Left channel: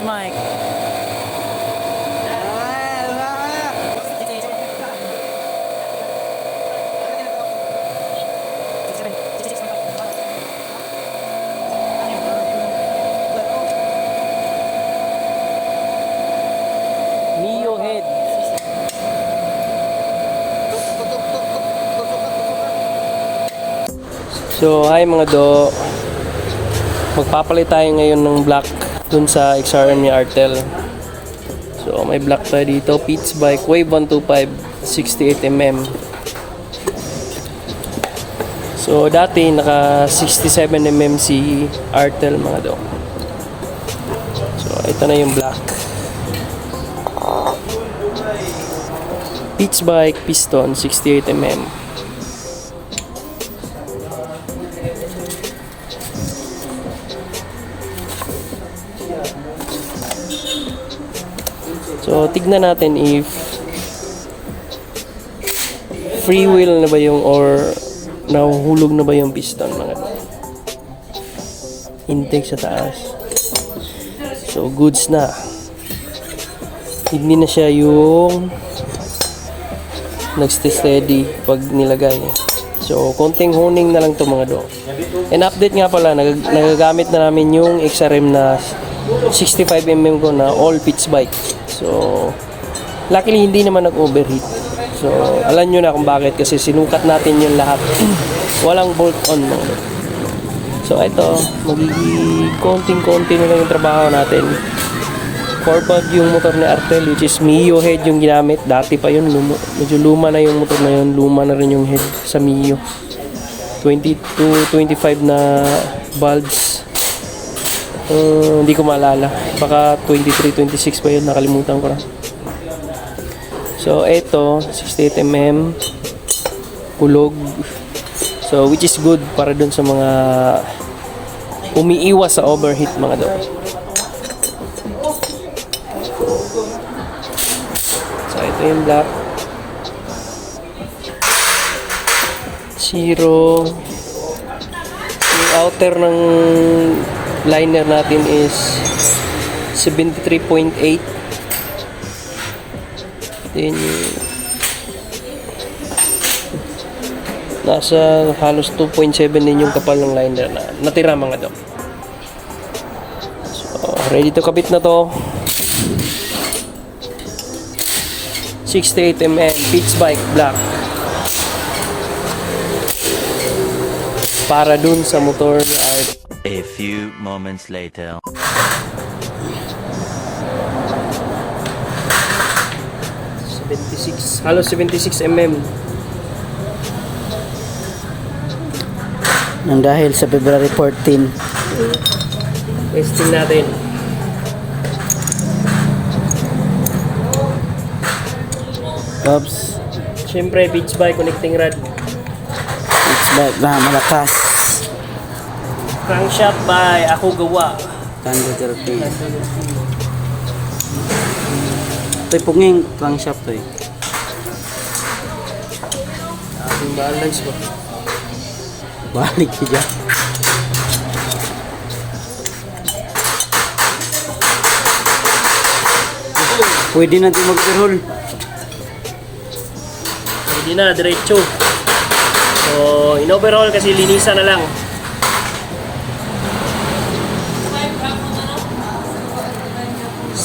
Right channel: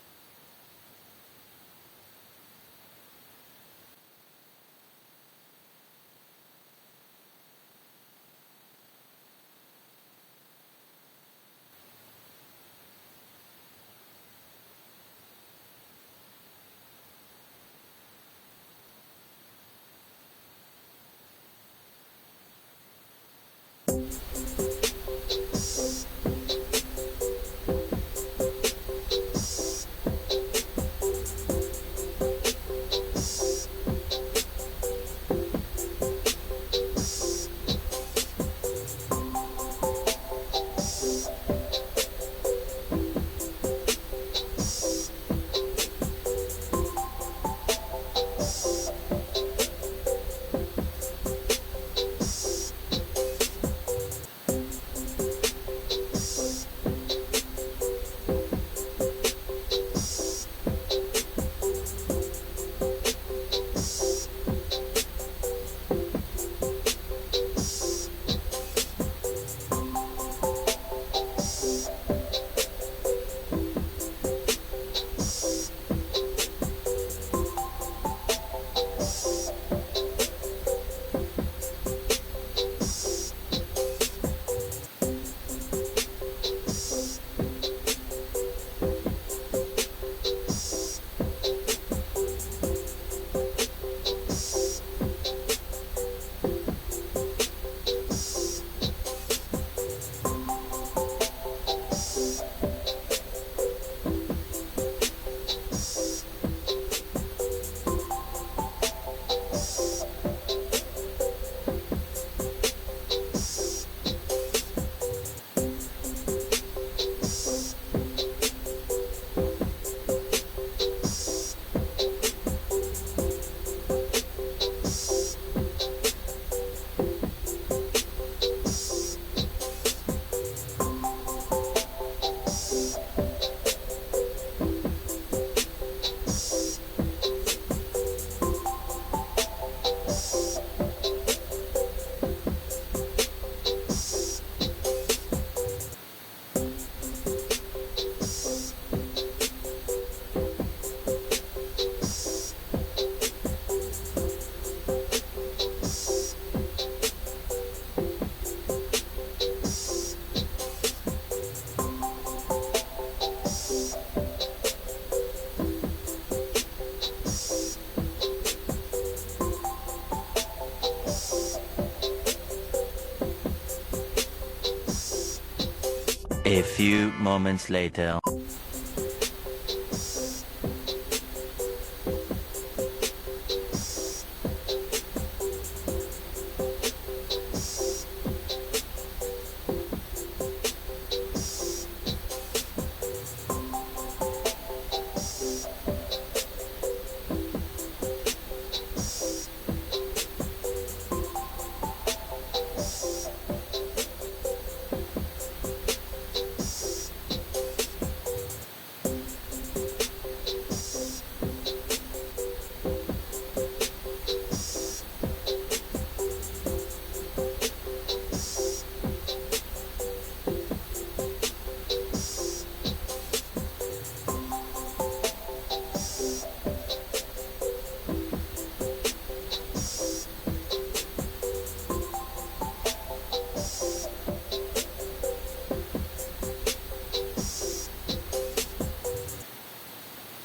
Meets Mike. Mio head. So, hi mga do. Magpapalit tayo ngayon ng block dun sa XRM ni Artel. So, may block tayo dito. Pete's Bike Wave 125 68mm. So, dati naka 67mm si Artel mga do. So, ito na yung block. Pete's Bike Piston 68mm. So, tignan natin if free wheel na ba yung or nahuhulog na ba yung piston mga. Intake sa taas. So, goods na. Hindi na siya yung nagste-steady pag nilagay. So, konting honing na lang to mga do. And update nga pala, nag nagagamit na namin yung XRM na 65mm ko na all pitch bike. So, luckily hindi naman nag-overheat. So, alam nyo na kung bakit kasi sinukat natin yung lahat. Walang bolt on mga do. So, ito, magiging konting-konti na lang yung trabaho natin. 4 yung motor ni Artel which is Mio head yung ginamit. Dati pa yun, luma, medyo luma na yung motor na yun. Luma na rin yung head sa Mio. 22, 25 na bulbs. Uh, hindi ko maalala. Baka 23, 26 pa yun. Nakalimutan ko na. So, eto, 68mm. Ulog. So, which is good para dun sa mga umiiwas sa overheat mga daw. Ito yung black. Zero. Yung outer ng liner natin is 73.8. Then, yung nasa halos 2.7 din yung kapal ng liner na natira mga dok. So, ready to kabit na to. 68mm pitch bike black. Para dun sa motor Art A few moments later. halos 76 mm Nang dahil sa February 14, testing natin oops, syempre pitch bike connecting rod it's back na malakas. crankshaft by ako gawa Tando therapy. Ito'y punging crankshaft to eh. ating balance ba Balik siya. Pwede natin mag-roll. Hindi na diretso so in overhaul kasi linisan na lang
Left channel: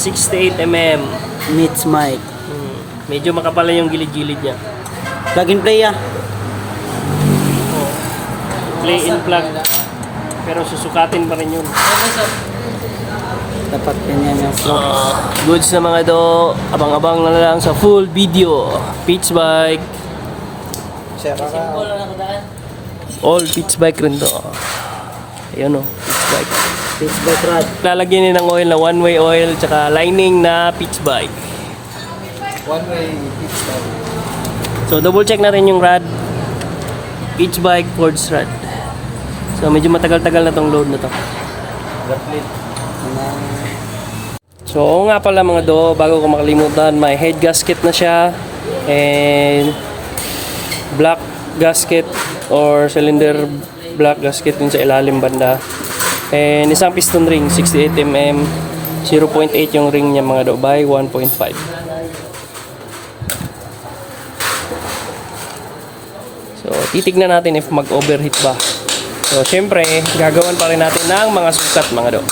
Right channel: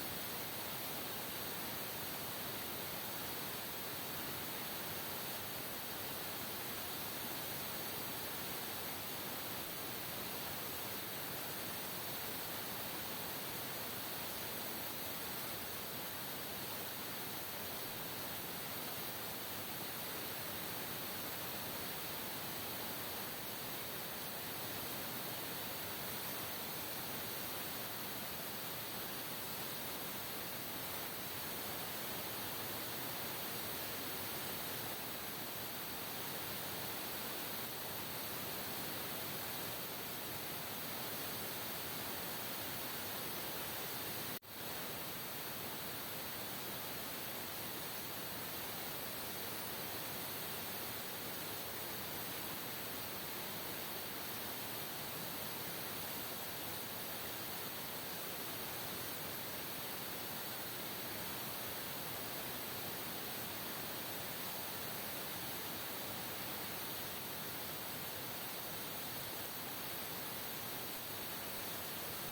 Sixty-eight mm. Meets mic. Hmm. Medyo makapal yung gilid-gilid niya. Plug and play ah. Play in plug. Pero susukatin pa rin yun. Dapat ganyan yung flow. Goods na mga do. Abang-abang na lang sa full video. Pitch bike. All pitch bike rin to. Ayun o, pitch bike. Pitch back rod. Lalagyan din ng oil na one-way oil tsaka lining na pitch bike. One-way pitch back. So double check natin yung rod. Pitch bike, Ford's rod. So medyo matagal-tagal na tong load na to. So oo nga pala mga do, bago ko makalimutan, may head gasket na siya. And black gasket or cylinder black gasket dun sa ilalim banda. And isang piston ring, 68mm. 0.8 yung ring niya mga do by 1.5. So, titignan natin if mag-overheat ba. So, syempre, gagawan pa rin natin ng mga sukat mga do.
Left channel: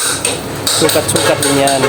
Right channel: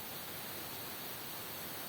Sukat-sukat din yan.